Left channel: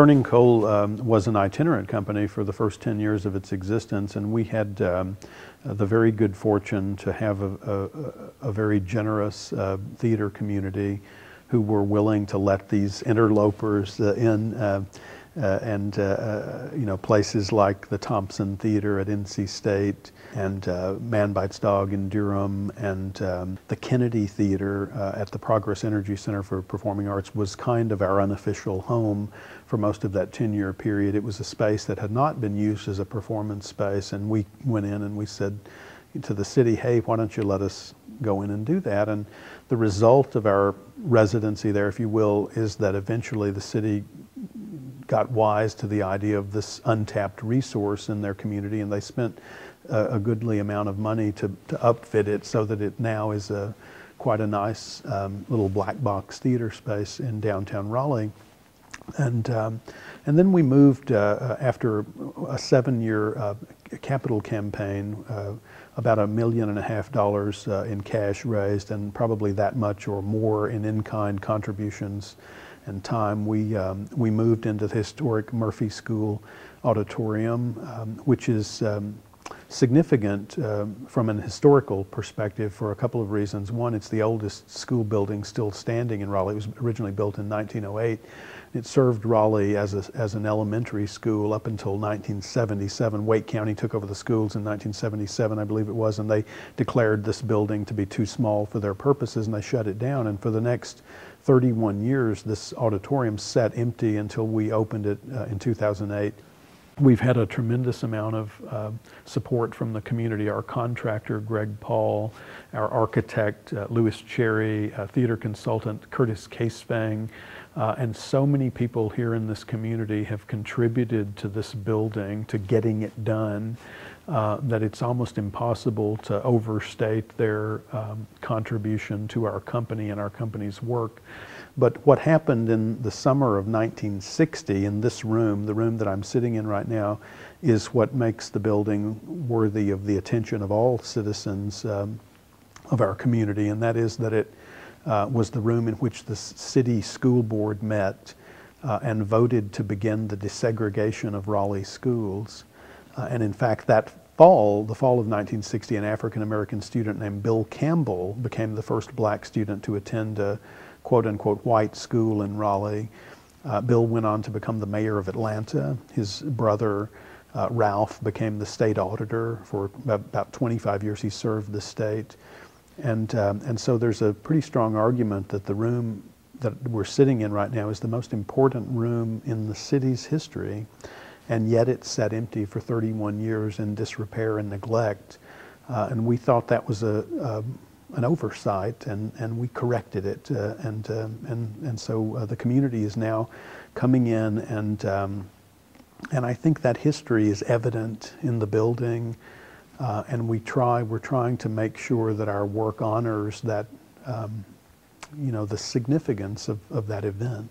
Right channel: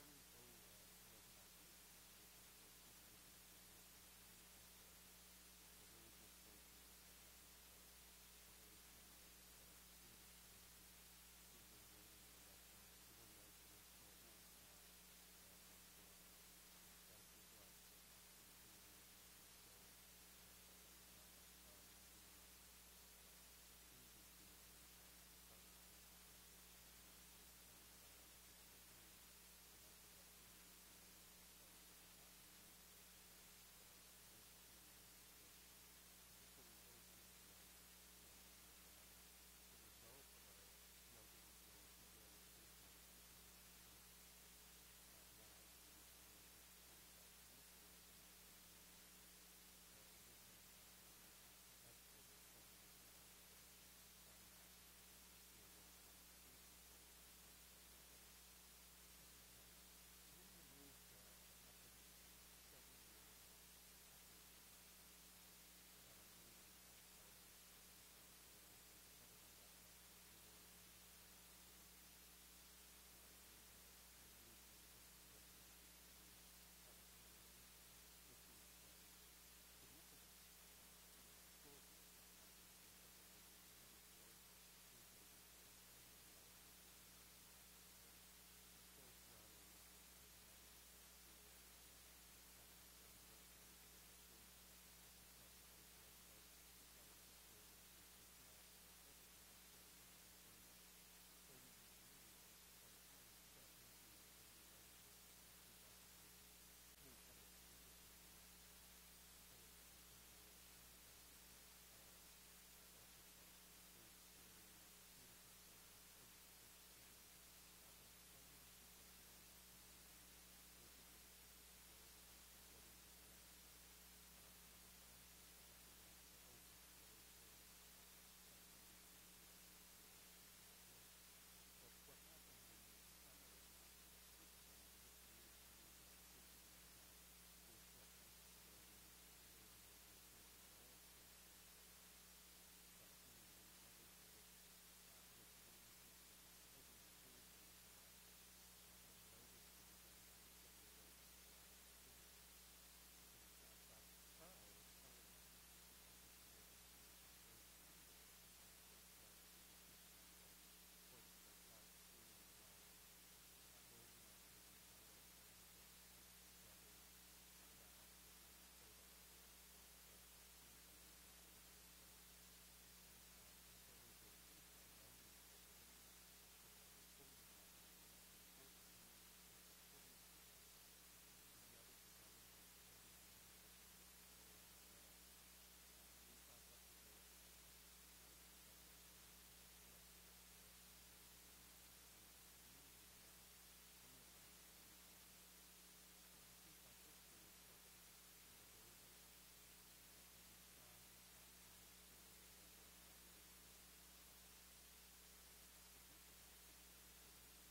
Burning Coal was an itinerant company for the first 10 years of its existence, and we had the very good fortune to have a very generous theater community who were willing to let these interlopers in, and you know, places like the Thompson Theater at NC State, and Manbites Dog in Durham, and the Kennedy Theater at the Progress Energy Center for Performing Arts was kind of our unofficial home for most of that 10-year period. It was a space that had not been used as a performance space, and we went in and we said to the city, hey, why don't you let us go in and do that? And the result of our residency there, if you will, is that eventually the city got wise to the idea of this untapped resource in their community, and they spent a goodly amount of money to upfit it so that it now is quite a nice little black box theater space in downtown Raleigh. And then we moved after a 7-year capital campaign, about $1.5 million in cash raised, and probably that much or more in in-kind contributions and time. We moved into the historic Murphy School Auditorium, which is significant from an historical perspective for a couple of reasons. One, it's the oldest school building still standing in Raleigh. It was originally built in 1908. It served Raleigh as an elementary school up until 1977. Wake County took over the schools in 1977, I believe it was, and they declared this building to be too small for their purposes, and they shut it down. And for the next 31 years, this auditorium sat empty until we opened it in 2008. We've had a tremendous amount of support from the community. Our contractor, Greg Paul, our architect, Louis Cherry, theater consultant, Curtis Casefang, and so many people here in this community have contributed to this building, to getting it done, that it's almost impossible to overstate their contribution to our company and our company's work. But what happened in the summer of 1960 in this room, the room that I'm sitting in right now, is what makes the building worthy of the attention of all citizens of our community, and that is that it was the room in which the city school board met and voted to begin the desegregation of Raleigh schools. And in fact, that fall, the fall of 1960, an African-American student named Bill Campbell became the first black student to attend a quote-unquote white school in Raleigh. Bill went on to become the mayor of Atlanta. His brother, Ralph, became the state auditor. For about 25 years he served the state. And so there's a pretty strong argument that the room that we're sitting in right now is the most important room in the city's history, and yet it sat empty for 31 years in disrepair and neglect. And we thought that was an oversight, and we corrected it. And so the community is now coming in, and I think that history is evident in the building. And we're trying to make sure that our work honors that, you know, the significance of that event.